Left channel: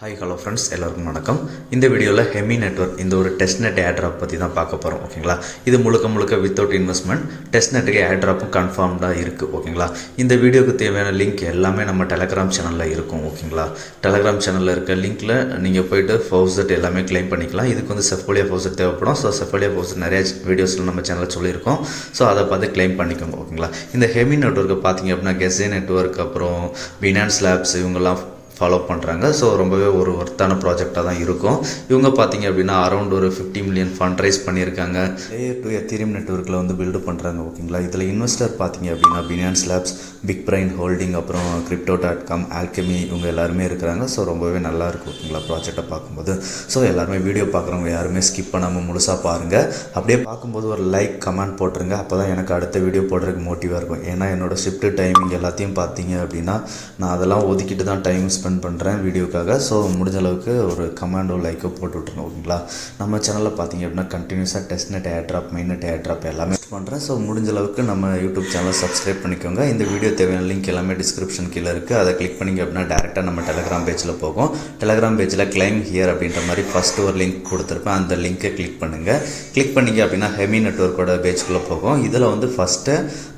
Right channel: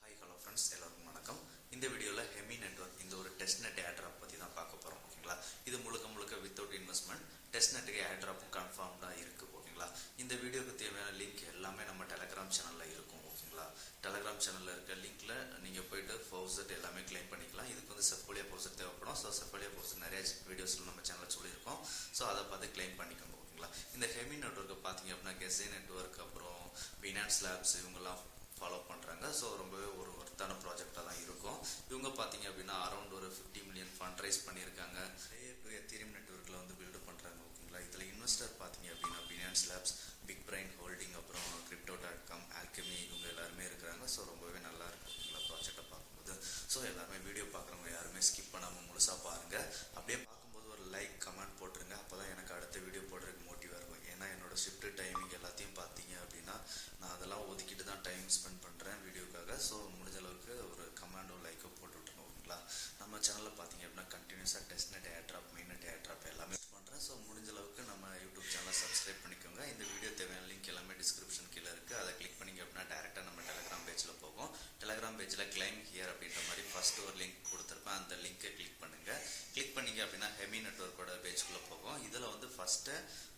Hi hello friends, எல்லாருக்கும் வணக்கம். இந்த வீடியோவில் ஹெமி நெட்வொர்க் இந்த ஒரு டெஸ்ட் நெட் ஏர்ட்ராப் பற்றி தான் பார்க்க போகிறோம். ஓகேங்களா, இது முழுக்க வித்தவுட் இன்வெஸ்ட்மெண்ட் டெஸ்ட் நெட்டுக்கு ஏர்ட்ராப்பும் கன்ஃபார்ம்டாக இருக்குது. ஓகேங்களா, இந்த வீடியோக்கு தேவையான லிங்க் எல்லாமே நம்ம டெலகிராம் சேனலில் இருக்கும். ஓகேங்களா, டெலகிராம் சேனலில் இருக்க லிங்க்கில் நீங்கள் போய்ட்டு ஃபவுசட் எல்லாமே கிளைம் பண்ணிக்கலாம். இதுக்கு வந்து செஃபோலியா ஃபவுசட் தேவைப்படும். ஸோ செஃபோலியா ஃபவுசட் நிறைய வீடியோஸில் நம்ம சேனலில் சொல்லியிருக்கோம். ஸோ அதை பார்த்து கிளைம் பண்ணிக்கோங்க. ஓகேங்களா, இந்த ஹெமி நெட்வொர்க்கை பார்த்தீங்க அப்படின்னா கெஸே நெட்வொர்க், அப்புறம் பினான்ஸ் லேப்ஸ் இவங்கெல்லாம் ஃபாலோ பண்ணுறாங்க. ஸோ ரொம்பவே ஒரு ஒர்த்தான ப்ராஜெக்டாக தான் இருக்கும். இவங்க பார்த்தீங்க அப்படின்னா அரௌண்ட் ஒரு 50 மில்லியன் ஃபண்ட் ரைஸ் பண்ணியிருக்காங்க. லேயர் 2 எத்தீரியம் நெட்வொர்க்கில் வந்து பில்டு பண்ணுறாங்க. ஓகேங்களா, இதில் இன்வெஸ்டர் பார்த்தீங்க அப்படின்னா Binance labs, big brain holding, அப்புறம் Crypto.com, ஆல்கெமி இவங்க எல்லாருமே இருக்கிறாங்க. ஸோ ரொம்பவே நல்லா இருக்குது. ஓகேங்களா, ப்ராஜெக்டை பார்க்கும்போது ஸோ எல்லாருமே வீடியோ பார்க்குறவங்க யாருமே ஸ்கிப் பண்ணாமல் முழுசாக பாருங்கள். அப்படியே பார்க்கும்போது ஒரு லைக் கமெண்ட் போட்டுருங்க. அப்போ தான் எனக்கு அடுத்த வீடியோ போடுறதுக்கு மோட்டிவாக இருக்கும். ஏன்னா என்னோடய ஷிஃப்ட் டைமிங் எல்லாத்தையும் பார்த்தீங்க அப்படின்னா நான் அதெல்லாம் ஒதுக்கிட்டு தான் டைம் ஸ்பெண்ட் பண்ணுறேன் வீடியோக்காக. ஸோ முடிஞ்ச அளவுக்கு ஒரு கமெண்டோ லைக்கோ போட்டு விட்டுருங்க. ஓகேங்களா, நம்ம சேனலில் பார்த்தீங்க அப்படின்னா கண்டினியூஸாக test net airdrop, main net airdrop எல்லாமே பண்ணுறேன். ஸோ முடிஞ்ச அளவுக்கு நம்ம யூடியூப் சேனலை சப்ஸ்கிரைப் பண்ணிக்கோங்க. இந்த வீடியோ தேவையான லிங்க் எல்லாமே டிஸ்கிரிப்ஷன் கீழே இருக்குது. அதை கிளிக் பண்ணிங்க அப்படின்னா டேரெக்டாக நம்ம டெலகிராம் பேஜில் போகும். டெலகிராம் பேஜில் கிளைம் ஹியர் அப்படின்ற மாதிரி ஃபஸ்ட்டு ஒரு லிங்க் கொடுத்துருப்பேன். அந்த லிங்க்கை கிளிக் பண்ணுங்கள். கிளிக் பண்ணிங்க அப்படின்னா ஹெமி நெட்வொர்க்கோட பேஜ்குள்ளே போகும். இதில் வந்து ஃபஸ்ட்டு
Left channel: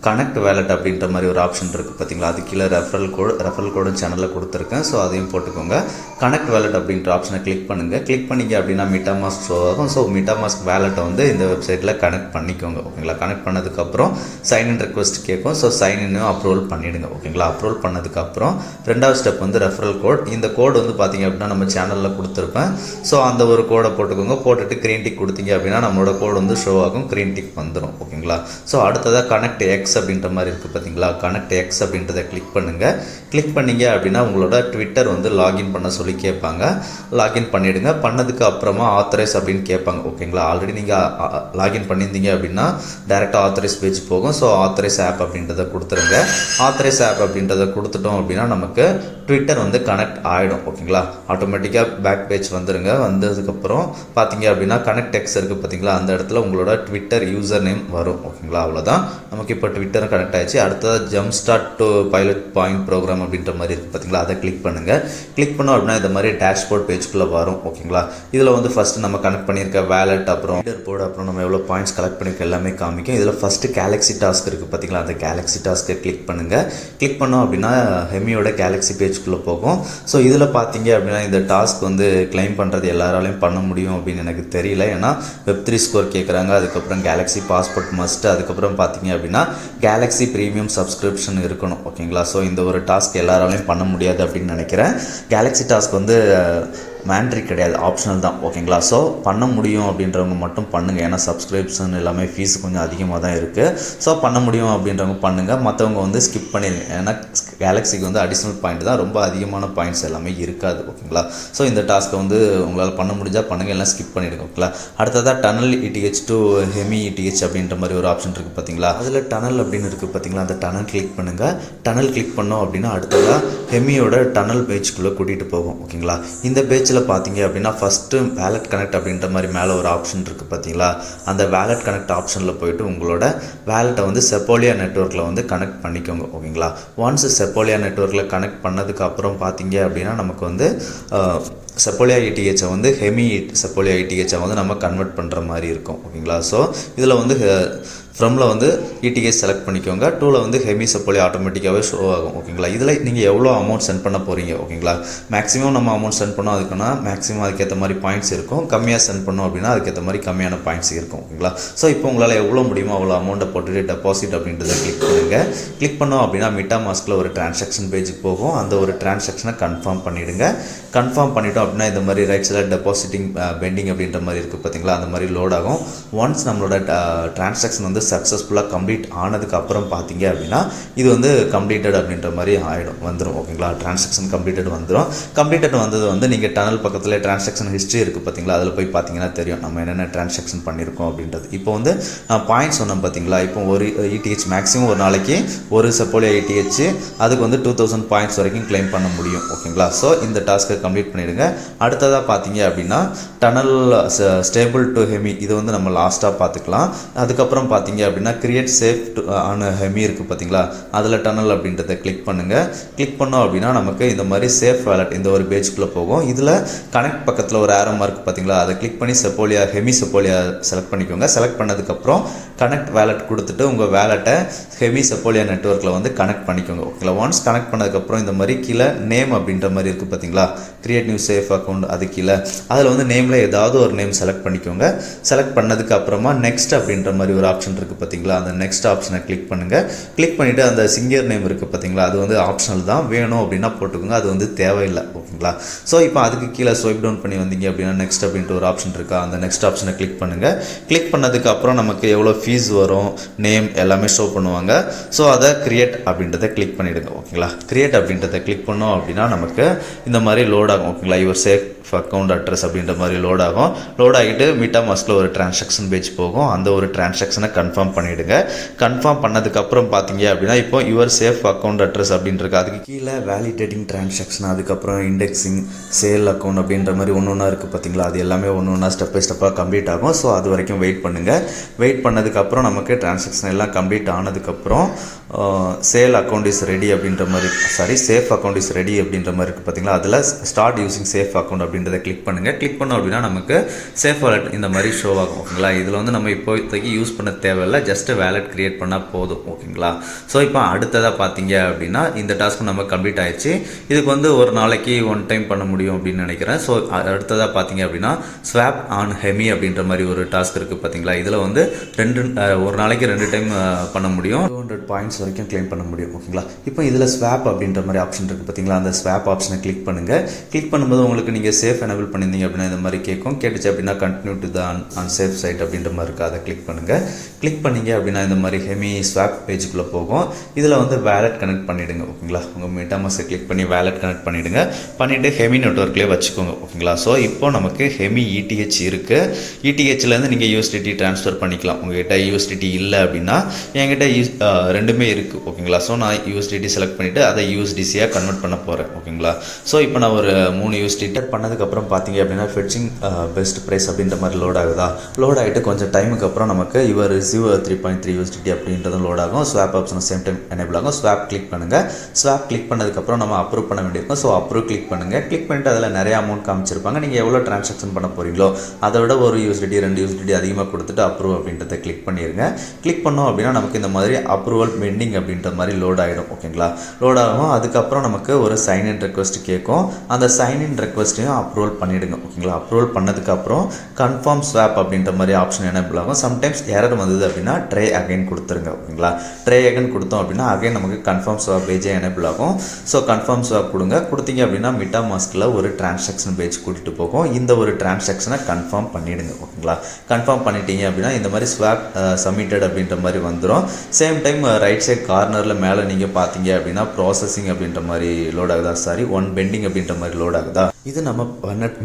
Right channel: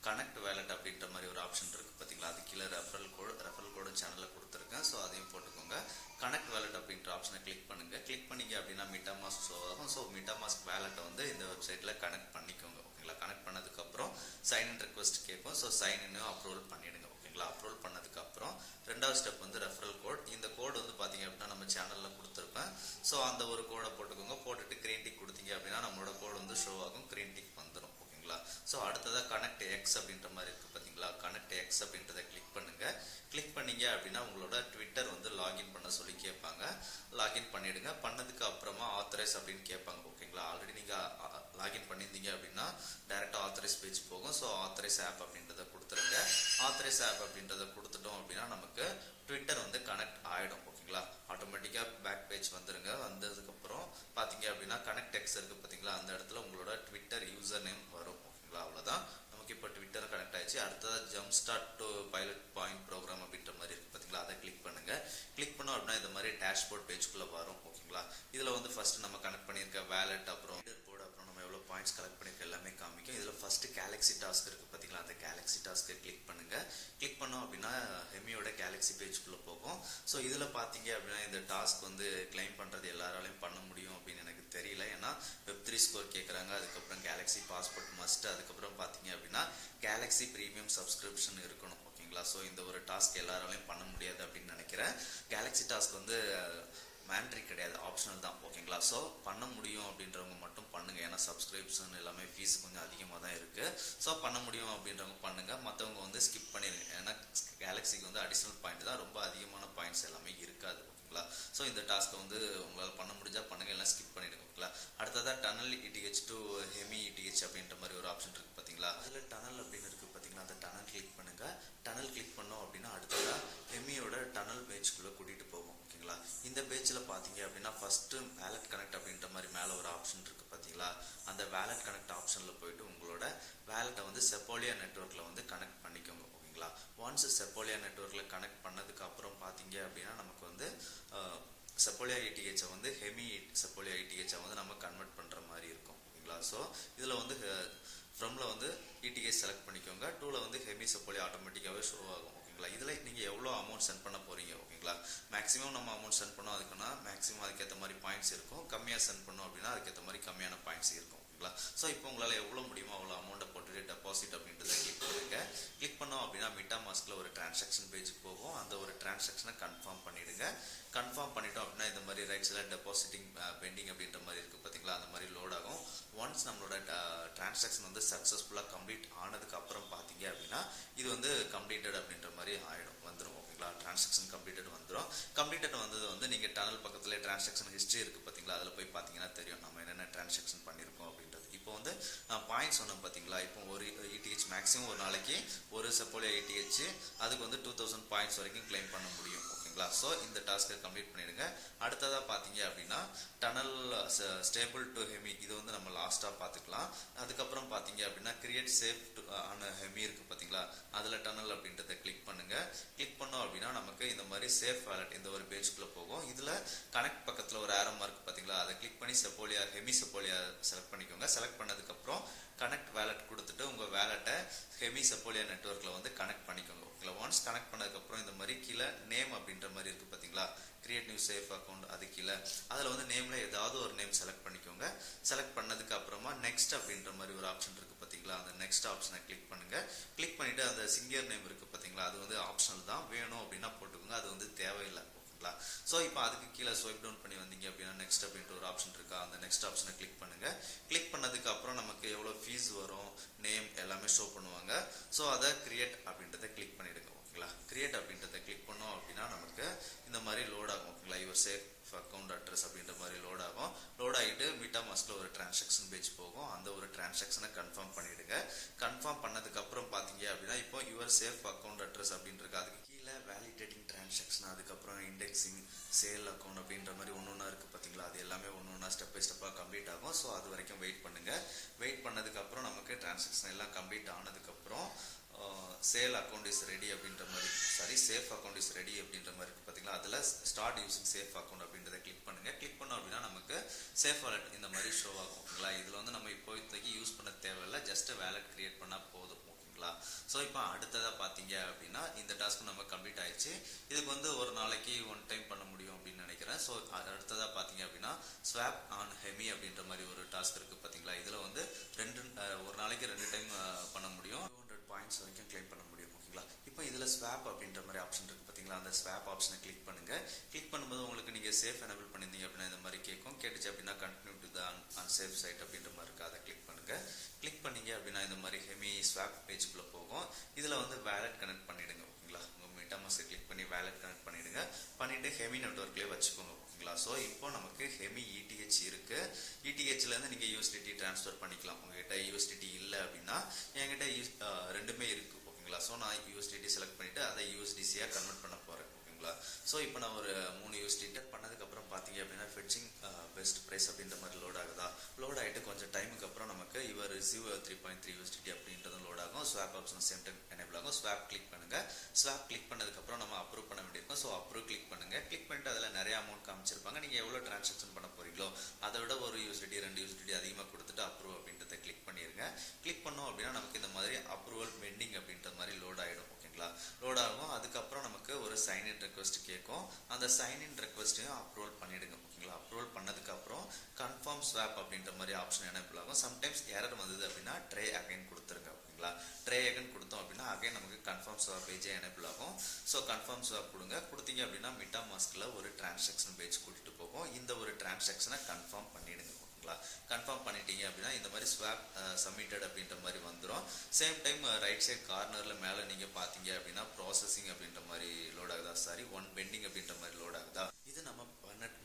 கனெக்ட் வேலட் அப்படின்ற மாதிரி ஒரு ஆப்ஷன் இருக்குது பார்த்தீங்களா, அது கீழே ரெஃபரல் கோடும் சேனலில் கொடுத்துருக்கேன். ஸோ அதையும் போட்டுக்கோங்க. கனெக்ட் வேலட் அப்படின்ற ஆப்ஷனை கிளிக் பண்ணுங்கள். கிளிக் பண்ணிங்க அப்படின்னா மீட்டாமாஸ்க் ஷோ ஆகும். ஸோ மீட்டாமாஸ்க் வேலட்டை வந்து இந்த வெப்சைட்டில் கனெக்ட் பண்ணிக்கோங்க. ஓகேங்களா, கனெக்ட் பண்ணதுக்கப்புறம் சைன்இன் ரெக்வஸ்ட் கேட்கும். ஸோ சைன்இன்னும் அப்ரூவல் பண்ணிவிடுங்க. ஓகேங்களா, அப்ரூவல் பண்ணதுக்கப்புறம் ரெண்டாவது ஸ்டெப் வந்து ரெஃபரல் கோட். இந்த கோடு வந்து பார்த்தீங்க அப்படின்னா நம்ம சேனலில் கொடுத்துருப்பேன். ஸோ அந்த ஒரு கோடை போட்டுக்கோங்க. போட்டுட்டு க்ரீன் டிக் கொடுத்தீங்க அப்படின்னா நம்மளோட கோடு வந்து ஷோ ஆகும். க்ரீன் டிக் வந்துடும். ஓகேங்களா, ஸோ அடுத்ததாக கனெக்ட் எக்ஸ் அப்படின்ற மாதிரி இருக்குது பார்த்தீங்களா, கனெக்ட் எக்ஸ் அப்படின்றத கிளிக் பண்ணுங்கள். கிளிக் பண்ணிங்க அப்படின்னா உங்களோட ட்விட்டர் வந்து லாகின் பண்ண சொல்லி கேட்பாங்க. லாகின் பண்ணிவிடுங்க. பண்ணதுக்கு அப்புறமா ஆத்தரைஸ் அப்படின்னு கேட்பாங்க. ஓகேங்களா, ஆல்ரெடி நீங்கள் லாகின் பண்ணியிருந்தீங்க அப்படின்னா டேரெக்டாக ஆத்தரைஸ் பேஜ் போகும். ஸோ ஆத்தரைஸ் ஆப் அப்படின்றத கொடுத்துருங்க. ஆத்தரைஸ் ஆப் அப்படின்றத கொடுத்துட்டோம் அப்படின்னா நமக்கு ட்விட்டர் வந்து கனெக்ட் ஆகிடும். ஓகேங்களா, ஆட்டோமேட்டிக்காக பேக் பேஜ் வந்துடுங்க. வந்ததுக்கப்புறம் பார்த்தீங்க அப்படின்னா கனெக்ட் எக்ஸ் இருக்குது பார்த்தீங்களா, அந்த இடத்துல உங்களோட ட்விட்டர் யூசர் நேம் வரும். ஓகேங்களா, அவ்வளோதான். நமக்கு இப்போ ட்விட்டரும் கனெக்ட் ஆகிடுச்சு. அடுத்தது jump start to pilot point program அப்படின்ற மாதிரி இருக்குது பார்த்தீங்களா, அதை கிளிக் பண்ணுங்கள். கிளிக் பண்ணோம் அப்படின்னா இந்த மாதிரி டேஷ்போர்ட் பேஜ்குள்ளே வரும். ஓகேங்களா, இதில் வந்து ஃபஸ்ட்டு நம்ம கனெக்ட் பண்ணியிருக்க வேலட், அப்புறம் லீடர் போர்டு, அப்புறம் நம்ம எவ்வளோ பாயிண்ட்ஸ் கலெக்ட் பண்ணியிருக்க எல்லாமே காமிக்கும். இதில் ஃபஸ்ட்டு கேலக்ஸி டாஸ்க் இருக்குது பார்த்தீங்களா, அந்த கேலக்ஸி டாஸ்க்கை கிளிக் பண்ணுங்கள். கிளிக் பண்ணோம் அப்படின்னா ஹெமியோட கேலக்ஸி பேஜ்குள்ளே போகும். ஸோ இதில் பார்த்தீங்க அப்படின்னா இந்த டாஸ்க் வந்து கிளைம் பண்ணுறது எல்லாராலையும் பண்ண முடியும் அப்படின்னு எனக்கு தெரியல. ஏன்னா Web3 ஸ்கோர் கேட்குறாங்க, அதுக்கப்புறம் கேலக்ஸி பாஸ்போர்ட் மஸ்ட், அதுக்கப்புறம் பார்த்தீங்க அப்படின்னா கேலக்ஸி ப்ரீமியம் சப்ஸ்கிரிப்ஷன் இருக்கணும். ஓகேங்களா, ஸோ இந்த ஒரு டாஸ்க் எல்லாராலையும் பண்ண முடியாது அப்படின்னு நினைக்கிறேன். கேலக்ஸி டாஸ்க் வந்து மேண்ட்ரி கிடையாது, ஆப்ஷனல் தான். ஓகேங்களா, ஸோ பண்ண முடியும் அப்படின்றவங்க மட்டும் பண்ணுங்கள். ஏன்னா சப்ஸ்கிரிப்ஷன் எல்லாமே ஃபீஸ் கொஞ்சம் அதிகமாக தான் இருக்குது. ஸோ பண்ண முடியும் அப்படின்றவங்க பண்ணுங்கள். மற்றவங்க வந்து ஸ்கிப் பண்ணிடுங்க. ஏன்னா கேலக்ஸிக்கு வந்து அடிஷ்னல் பாயிண்ட் தான், ரொம்ப அதிகமான பாயிண்ட்ஸ் எல்லாமே இருக்காது. ஓகேங்களா, ஸோ இந்த டாஸ்க்கை வந்து உங்களால் பண்ண முடிஞ்சால் பண்ணுங்கள், எல்லாம் ஸ்கிப் பண்ணிவிடுங்க. ஓகேங்களா, அடுத்ததாக tunnel ETH to Hemi ETH அப்படின்ற மாதிரி ஒரு ஆப்ஷன் இருக்குது பார்த்தீங்களா, அதில் டனல் அப்படின்னு இருக்குது பார்த்தீங்களா, அந்த டனல் கிளிக் பண்ணுங்கள். டனல் கிளிக் பண்ணோம் அப்படின்னா அடுத்ததாக ஹெமியோட டனல் பேஜ்குள்ளே கூட்டிகிட்டு போகும். ஓகேங்களா, இந்த பேஜ் பார்த்தீங்க அப்படின்னா ஃபஸ்ட்டு வேலட் கனெக்ட் அப்படின்ற மாதிரி மேலே ஒரு ஆப்ஷன் இருக்குது பார்த்தீங்களா, அந்த வேலட் கனெக்ட் ஆப்ஷனில் போய்ட்டு உங்களோட வேலட்டை வந்து செஃபோலியா நெட்வொர்க்கில் வந்து கனெக்ட் பண்ணிக்கோங்க. ஓகேங்களா, ஒன்ஸ் செஃபோலியா நெட்வொர்க்கில் கனெக்ட் பண்ணதுக்கப்புறம் பார்த்தீங்க அப்படின்னா நமக்கு வந்து செஃபோலியா இடிஹெச்சை வந்து ஹெமி செஃபோலியா இடிஹெச்சை வந்து நம்ம கன்வெர்ட் பண்ணுற மாதிரி இருக்கும். ஓகேங்களா, ஸோ இதில் வந்து ஃப்ரம்ல வந்து இடிஹெச் செலக்ட் பண்ணிக்கோங்க. டூவில் வந்து ஹெமி செஃபோலியா ஆட்டோமேட்டிக்காகவே ஷோ ஆகும். ஓகேங்களா, இதில் நீங்கள் எவ்வளோ அமௌண்ட் சென்ட் பண்ண போகிறீங்க. ஓகேங்களா, மேக்ஸிமம் நம்ம அமௌண்ட் சென்ட் பண்ணோம் அதுக்குன்னா மேக்ஸிமம் அதுக்கேற்ற மாதிரி பாயிண்ட்ஸ் இருக்கும். கம்மியாக சென்ட் பண்ணோம் அப்படின்னா அதுக்கேற்ற மாதிரி கம்மியான பாயிண்ட்ஸ் இருக்கும். ஓகேங்களா, ஸோ இப்போ உங்களால் எவ்வளோ முடியுமோ அவ்வளோ அமௌண்ட்டை போட்டுட்டு டெபாசிட் அப்படின்றத கிளிக் பண்ணுங்கள். கிளிக் பண்ணோம் அப்படின்னா மீட்டாமாஸ்கில் ஒரு டிரான்சாக்ஷன் பேஜுக்கு போகும். அந்த ஒரு டிரான்சாக்ஷனை கன்ஃபார்ம் பண்ணிவிடுங்க. கன்ஃபார்ம் பண்ணிட்டோம் அப்படின்னா இந்த மாதிரி ரைட் சைடில் டெபாசிட்டிங் பெண்டிங் அப்படின்ற மாதிரி இருக்குது பார்த்தீங்களா, அந்த மாதிரி லோட் ஆகும். ஒன்ஸ் நம்மளோட டிரான்சாக்ஷன் வந்து சக்ஸஸ்ஃபுல்லாக கம்ப்ளீட் ஆனதுக்கு அப்புறம் பார்த்தீங்க அப்படின்னா இது வந்து கம்ப்ளீட்டட் அப்படின்ற மாதிரி வந்துடும். ஓகேங்களா, டிரான்சாக்ஷன் கம்ப்ளீட்டட் வந்துடும். கம்ப்ளீட்டட் வந்தது வந்து நீங்கள் டனல் பக்கத்தில் டிரான்சாக்ஷன் ஹிஸ்ட்ரி இருக்குது பார்த்தீங்களா, அதில் போய் பார்த்தீங்கன்னா தெரியும் நம்ம என்னென்ன டிரான்சாக்ஷன் பண்ணியிருக்கோம் அப்படின்றது. இப்போ வந்து நான் பாயிண்ட்ஸ் சொன்னேன் பார்த்தீங்களா, இப்போ ஒரு இடிஹெச் மேக்ஸிமம் ஒரு நாளைக்கு ஒரு செஃபோலியா இடிஹெச் அதுக்கு வந்து 2000 பாயிண்ட்ஸ் வரைக்கும் கிளைம் பண்ண முடியும். ஓகேங்களா, ஸோ இந்த டாஸ்க்கை கம்ப்ளீட் பண்ணிவிடுங்க. அடுத்ததாக பார்த்தீங்க அப்படின்னா டனல் ஸ்டேபிள் டு ஹெமி, இது வந்து நம்ம லாஸ்ட்டாக பார்த்துக்கலாம். அதுக்கப்புறம் பார்த்தீங்க அப்படின்னா கிரியேட் சேஃப் ஆன ஹெமி இருக்குது பார்த்தீங்களா, அதில் டனல் அப்படின்றத கிளிக் பண்ணுங்கள். கிளிக் பண்ணோம் அப்படின்னா நமக்கு இந்த மாதிரி சேஃப் வேலட் இந்த ஒரு பேஜுக்குள்ளே போகும். இதில் கனெக்ட் பக்கத்தில் ஒரு ஆரோ மார்க் பார்த்தீங்களா, அதை கிளிக் பண்ணி செப்போலியா ஹெமி செப்போலியா செலக்ட் பண்ணிக்கோங்க. செலக்ட் பண்ணதுக்கப்புறம் கனெக்ட் வேலட் கொடுத்துட்டு உங்கள் வேலட்டை ஹெமி செப்போலியா நெட்வொர்க்கில் வந்து கனெக்ட் பண்ணிக்கோங்க. ஓகேங்களா, ஒன்ஸ் கனெக்ட் பண்ணதுக்கப்புறம் இந்த மாதிரி கீழே நேம் அப்படின்ற மாதிரி இருக்குது பார்த்தீங்களா, கிரியேட் நியூ சேஃப் அக்கௌண்ட், அது கீழே அதில் வந்து நேமில் ஏதாவது ஒரு நேம் செலக்ட் பண்ணிக்கோங்க. செலக்ட் பண்ணதுக்கு அப்புறமா நெக்ஸ்ட் அப்படின்ற மாதிரி ஒரு ஆப்ஷன் இருக்குது பார்த்தீங்களா, அந்த நெக்ஸ்ட் ஆப்ஷனை கிளிக் பண்ணுங்கள். கிளிக் பண்ணிவிட்டு அந்த சிங்கர் நேம் இருக்குது பார்த்தீங்களா, அது வந்து ஆப்ஷனல் தான், வேணும் அப்படின்னா போட்டுக்கோங்க, அது வந்து தேவையில்லை. ஓகேங்களா, ஸோ இப்போ அதுக்கு கீழே ஸ்வைப் டவுன் பண்ணி வந்தீங்க அப்படின்னா நெக்ஸ்ட் அப்படின்ட்டு ஒரு ஆப்ஷன் இருக்கா, அந்த நெக்ஸ்ட் ஆப்ஷனை கிளிக் பண்ணுங்கள். கிளிக் பண்ணதுக்கு அப்புறம் நமக்கு எவ்வளோ ஃபீஸ் வரும், நேம் எல்லாமே ஷோ பண்ணுவாங்க. ஸோ அதை கிரியேட் அப்படின்றத கிளிக் பண்ணிவிடுங்க. ஓகேங்களா, கிரியேட் அப்படின்றத கிளிக் பண்ணோம் அப்படின்னா நமக்கு இந்த மாதிரி லோட் ஆகும். ஓகேங்களா, யுவர் சேஃப் அக்கௌண்ட் அட்ரஸ் அப்படின்ற மாதிரி லோட் ஆகும். லோட் ஆகிட்டு MetaMaskல ஒரு டிரான்சாக்ஷன் பேஜ் போகும். அந்த ஒரு டிரான்சாக்ஷனை கன்ஃபார்ம் பண்ணிவிடுங்க. கன்ஃபார்ம் பண்ணதுக்கப்புறம் பார்த்தீங்க அப்படின்னா இப்போ யுவர் சேஃப் அக்கௌண்ட் அட்ரஸ் அப்படின்றது, அதுக்கு கீழே வேலிடேட்டிங் டிரான்சாக்ஷன், அதுக்கப்புறம் இண்டெக்ஸிங், சேல் அக்கௌண்ட் அப்படின்ற மாதிரி ஒன்று ஒன்றா இருக்குது பார்த்தீங்களா, அது எல்லாமே ஒன்று ஒன்றா ஸ்டெப் பை ஸ்டெப்பாக கம்ப்ளீட் ஆகும். ஸோ அது வரைக்கும் வெயிட் பண்ணுங்கள். வெயிட் பண்ணதுக்கப்புறம் நமக்கு டிரான்சாக்ஷன் எல்லாம் கம்ப்ளீட் ஆனதுக்கப்புறம் சேல் அக்கௌண்ட் இஸ் ரெடி அப்படின்ற மாதிரி சேஃப் அக்கௌண்ட் இஸ் ரெடி அப்படின்ற மாதிரி இருக்குது பார்த்தீங்களா, அதில் ஸ்டார்ட் யூசிங் சேஃப் அக்கௌண்ட் அப்படின்றத கிளிக் பண்ணுங்கள். கிளிக் பண்ணோம் அப்படின்னா நமக்கு சேஃப் வாலெட் இந்த மாதிரி ஷோ ஆகும். ஓகேங்களா, இதில் வந்து நம்ம இப்போதைக்கு யூஸ் பண்ண தேவையில்லை, ஜஸ்ட் வேலெட் கிரியேட் பண்ணால் போதும். ஓகேங்களா, ஸோ இப்போ அடுத்ததாக பார்த்தீங்க அப்படின்னா இந்த டாஸ்க்கு நம்ம கம்ப்ளீட் ஆயிடுச்சு. இதுக்கு வந்து ஒரு நாளைக்கு ஒன் டைம் பண்ண முடியும் அப்படின்னு நினைக்கிறேன். ஸோ அடுத்ததாக பார்த்தீங்க அப்படின்னா ஸ்வாப் ஆன் ஹெமி அப்படின்ற மாதிரி ஒரு டாஸ்க் இருக்குது பார்த்தீங்களா, இதில் வந்து ஒரு நாளைக்கு 2 டைம் பண்ண முடியும். 200 பாயிண்ட்ஸ் வரைக்கும் கிளைம் பண்ண முடியும். ஓகேங்களா, இப்போ இதில் ஸ்வாப் அப்படின்ற மாதிரி ஆப்ஷன் இருக்குது பார்த்தீங்களா, அந்த ஸ்வாப் ஆப்ஷனை கிளிக் பண்ணுங்கள். கிளிக் பண்ணும்போது உங்களுக்கு நீங்கள் சேஃப் எனேபிள் பண்ணியிருந்தீங்க அப்படின்னா இந்த மாதிரி கேட்கும். கேட்டுச்சு அப்படின்னா continue to the unsafe site அப்படின்ற மாதிரி இருக்குது, அதை கிளிக் பண்ணுங்கள். கிளிக் பண்ணிங்க அப்படின்னா இந்த மாதிரி ஹெமி ஸ்வாப் பேஜுக்குள்ளே போகும். இதில் வந்து வேலட் கனெக்ட் பண்ணிவிடுங்க. ஓகேங்களா, உங்கள் MetaMask கிளிக் பண்ணி வேலட் கனெக்ட் பண்ணிவிடுங்க. பண்ணிவிட்டு ஹெமி நெட்வொர்க்லேயே வச்சுக்கோங்க. ஓகேங்களா, ஸோ இப்போ நமக்கு ஹெமி ETH இருக்குது. ETHலேருந்து நீங்கள் USDT ட்ரான்ஸ்ஃபர் பண்ணிக்கலாம். உங்கள்கிட்ட USDT இல்லை அப்படின்னா என்கிட்ட ரெண்டுமே இருக்குது. ஓகேங்களா, ஸோ நான் USDT செலக்ட் பண்ணிவிட்டு அதை USDCயாக கன்வெர்ட் பண்ண போகிறேன். ஓகேங்களா, ஸோ இப்போ நான் ஒரு 3 USDT பண்ணதுக்கப்புறம் பார்த்தீங்க அப்படின்னா ஃபெட்சிங் பெஸ்ட் ப்ரைஸ் அப்படின்ற மாதிரி லோட் ஆகுதா, லோட் ஆகிட்டு கொஞ்சம் டைமுக்கு அப்புறம் நமக்கு இவர் ரிசீவ் 3.3 USDT அப்படின்றதும் லோட் ஆகும். Swap option same time enable ஆகும். ஸ்வாப் கிளிக் பண்ணுங்கள். ஸ்வாப் கிளிக் பண்ணதுக்கப்புறம் நம்ம அப்ரூவ் பண்ண வேண்டியிருக்கும். ஸோ அப்ரூவ் கிளிக் பண்ணுங்கள். கிளிக் பண்ணிட்டு அதில் நிறைய அமௌண்ட் காமிச்சிருப்பாங்க. நீங்கள் எவ்வளோ ட்ரான்சாக்ஷன் பண்ண போகிறீங்களோ அதை விட ஒரு USDT 2 USDT அதிகமாக கொடுத்துட்டு அப்ரூவ் அப்படின்றத கிளிக் பண்ணிடுங்க. கிளிக் பண்ணோம் அப்படின்னா நமக்கு இந்த மாதிரி அப்ரூவல் பெண்டிங் அப்படின்ற மாதிரி லோட் ஆகிடும். ஓகேங்களா, லோட் ஆகும். அதுக்கப்புறம் நமக்கு ஒரு சைன்இன் ரெக்வஸ்ட் கேட்கும். அந்த சைன்இன் ரெக்வஸ்ட்டையும் அப்ரூவல் பண்ணிவிடுங்க. ஓகேங்களா, அப்ரூவல் பண்ணதுக்கப்புறம் கன்ஃபார்ம் ஸ்வாப் அப்படின்ற மாதிரி ஆப்ஷன் எனேபிள் ஆகும். சம்டைம்ஸ் எரர் வந்தது அப்படின்னா ட்ரை அகைன் கொடுத்துருங்க. ஓகேங்களா, ட்ரை அகைன் கொடுத்தோம் அப்படின்னா அகைன் நமக்கு கன்ஃபார்ம் ஸ்வாப் பேஜே எனேபிள் ஆகும். ஸோ கன்ஃபார்ம் ஸ்வாப் கொடுத்தீங்க அப்படின்னா MetaMaskல ஒரு டிரான்சாக்ஷன் பேஜ் கூட்டிகிட்டு போகும். இந்த ஒரு டிரான்சாக்ஷனை கன்ஃபார்ம் பண்ணிவிடுங்க. ஓகேங்களா, கன்ஃபார்ம் பண்ணிட்டீங்க அப்படின்னா இந்த மாதிரி ஸ்வாப் சப்மிட்டட் அப்படின்ற மாதிரி வந்துடும். சேம் டைம் ரைட் சைட் கார்னரில் மேலே நீங்கள் பார்த்தீங்க அப்படின்னா ப்ராசஸிங் அப்படின்ற மாதிரி லோட் ஆகுதா, ஒன் பெண்டிங் அப்படின்ற மாதிரி லோட் ஆகுதா, இது நம்ம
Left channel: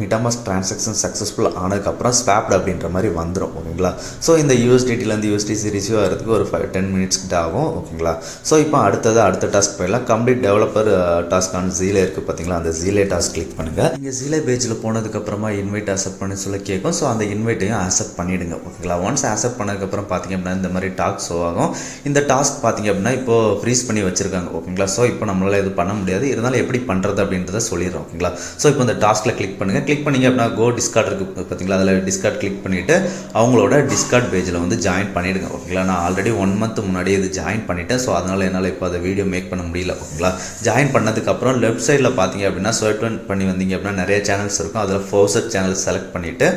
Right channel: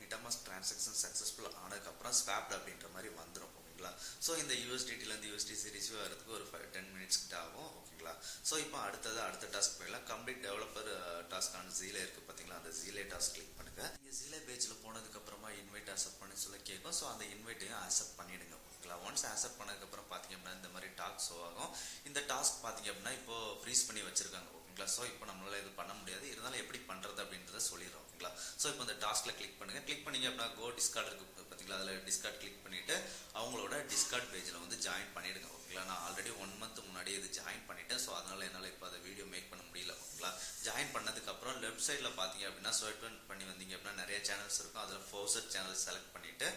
MetaMask டிரான்சாக்ஷன் சக்ஸஸ்ஃபுல் ஆனதுக்கப்புறம் ஸ்வாப்ட் அப்படின்ற மாதிரி வந்துடும். ஓகேங்களா, ஸோ இந்த USDTலேருந்து USDC ரிசீவ் ஆகிறதுக்கு ஒரு 10 மினிட்ஸ் கிட்ட ஆகும். ஓகேங்களா, ஸோ இப்போ அடுத்த டாஸ்க் போயிடலாம். கம்ப்ளீட் டெவலப்பர் டாஸ்க்கான ஜீலே இருக்குது பார்த்தீங்களா, அந்த ஜீலே டாஸ்க் கிளிக் பண்ணுங்கள். நீங்கள் ஜீலே பேஜில் போனதுக்கப்புறமா இன்வைட் அக்செப்ட் பண்ணி சொல்ல கேட்கும். ஸோ அந்த இன்வைட்டையும் அக்செப்ட் பண்ணிவிடுங்க. ஓகேங்களா, ஒன்ஸ் அக்செப்ட் பண்ணதுக்கப்புறம் பார்த்தீங்க அப்படின்னா இந்த மாதிரி டாஸ்க் ஷோ ஆகும். இந்த டாஸ்க் பார்த்தீங்க அப்படின்னா இப்போது ஃப்ரீஸ் பண்ணி வச்சுருக்காங்க. ஓகேங்களா, ஸோ இப்போ நம்மளால் இது பண்ண முடியாது. இருந்தாலும் எப்படி பண்ணுறது அப்படின்றத சொல்லிடுறோம். ஓகேங்களா, ஸோ இப்போ இந்த டாஸ்கில் கிளிக் பண்ணுங்கள். கிளிக் பண்ணிங்க அப்படின்னா கோ டிஸ்கார்ட் இருக்குது பார்த்தீங்களா, அதில் டிஸ்கார்ட் கிளிக் பண்ணிவிட்டு அவங்களோட டிஸ்கார்ட் பேஜில் வந்து ஜாயின் பண்ணிவிடுங்க. ஓகேங்களா, நான் ஆல்ரெடி 1 மந்த் முன்னாடியே இது ஜாயின் பண்ணிட்டேன். ஸோ அதனால் என்னால் இப்போ அதை வீடியோ மேக் பண்ண முடியல. ஓகேங்களா, ஜாயின் பண்ணதுக்கப்புறம் லெஃப்ட் சைடில் பார்த்தீங்க அப்படின்னா ஸ்வைப் பண்ணி வந்தீங்க அப்படின்னா நிறைய சேனல்ஸ் இருக்கும். அதில் ஃபவுசட் சேனல் செலக்ட் பண்ணிவிட்டு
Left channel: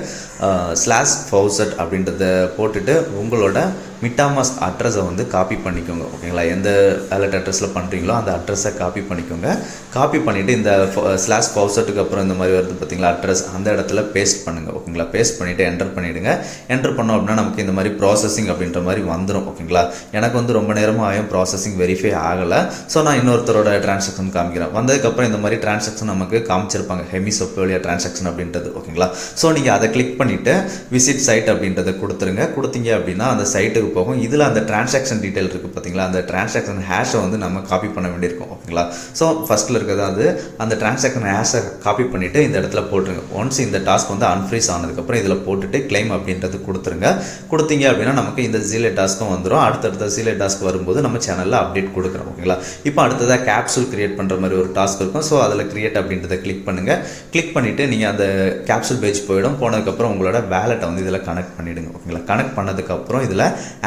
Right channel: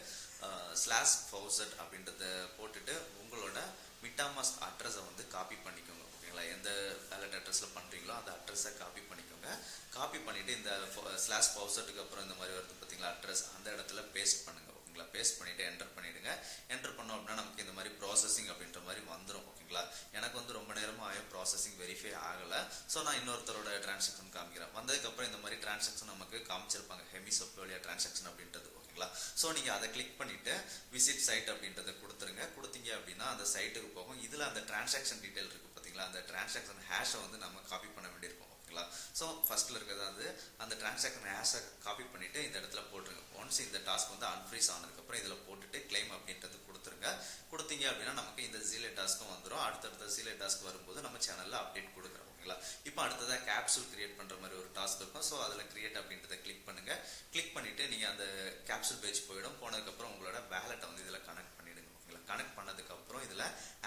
/ஃபவுசட் அப்படின்றத போட்டுட்டு உங்களோட MetaMask அட்ரஸை வந்து காப்பி பண்ணிக்கோங்க. ஓகேங்களா, எந்த வேலட் அட்ரஸில் பண்ணுறீங்களோ அந்த அட்ரஸை காப்பி பண்ணிக்கோங்க. காப்பி பண்ணிவிட்டு இந்த /ஃபவுசட்டுக்கு அப்புறம் இந்த மாதிரி வருது பார்த்தீங்களா அட்ரஸ், அந்த இடத்துல பேஸ்ட் பண்ணுங்கள். ஓகேங்களா, பேஸ்ட் பண்ணிவிட்டு என்டர் பண்ணிவிடுங்க. என்டர் பண்ணோம் அப்படின்னா நமக்கு இந்த மாதிரி ப்ராசஸிங் அப்படின்ற மாதிரி வந்துடும். ஓகேங்களா, எனக்கு வந்து ரொம்ப நேரமாக ஆகும் ப்ராசஸிங் வெரிஃபை ஆகலை. ஸோ நான் இன்னொருத்தரோட டிரான்சாக்ஷன் காமிக்கிறேன். வந்ததுக்கப்புறம் இந்த மாதிரி டிரான்சாக்ஷன் நமக்கு காமிச்சிருப்பாங்க, ஹெமி செப்போலியா டிரான்சாக்ஷன் அப்படின்றது. ஓகேங்களா, ஸோ நீங்கள் அதை கிளிக் பண்ணிவிட்டு விசிட் சைட் அப்படின்றத கொடுத்துருங்க. கொடுத்தீங்க அப்படின்னா அந்த சைட்டுக்கு டீட்டெயிலுக்கு போகும். இதில் அந்த டிரான்சாக்ஷன் டீட்டெயில் இருக்குது பார்த்தீங்களா, அந்த டிரான்சாக்ஷன் ஹேஷை வந்து நம்ம காப்பி பண்ண வேண்டியிருக்கும். ஓகேங்களா. ஸோ ஃபஸ்ட்டில் இருக்கிறது அது அந்த டிரான்சாக்ஷன் ஹேஷை காப்பி பண்ணிவிட்டு இந்த இடத்துல போட்டுருங்க. ஒன்ஸ் இந்த டாஸ்க் வந்து அன்ஃப்ரீஸ் ஆனதுக்கப்புறம் இதில் போட்டுட்டு கிளைம் அப்படின்றது கொடுத்துருங்க. கொடுத்தீங்க அப்படின்னா நமக்கு இந்த ஜீலே டாஸ்க்கும் வந்துடும். அடுத்தடுத்த ஜீலே டாஸ்க் வரும்போது நம்ம சேனலில் அப்டேட் கொடுக்குறோம். ஓகேங்களா. இப்போ அடுத்ததாக கேப்சூல் கிரியேட் பண்ணுற மாதிரி ஒரு டாஸ்க் இருக்கும். ஸோ அதில் கிரியேட் அப்படின்றத கிளிக் பண்ணுங்கள். கிளிக் பண்ணிவிட்டு நீங்கள் அந்த கேப்சூல் பேஜ் போனதுக்கப்புறம் உங்களோட வேலெட்டை வந்து இதில் கனெக்ட் பண்ணிவிடுங்க. ஓகேங்களா. கனெக்ட் பண்ணதுக்கப்புறம் இதில்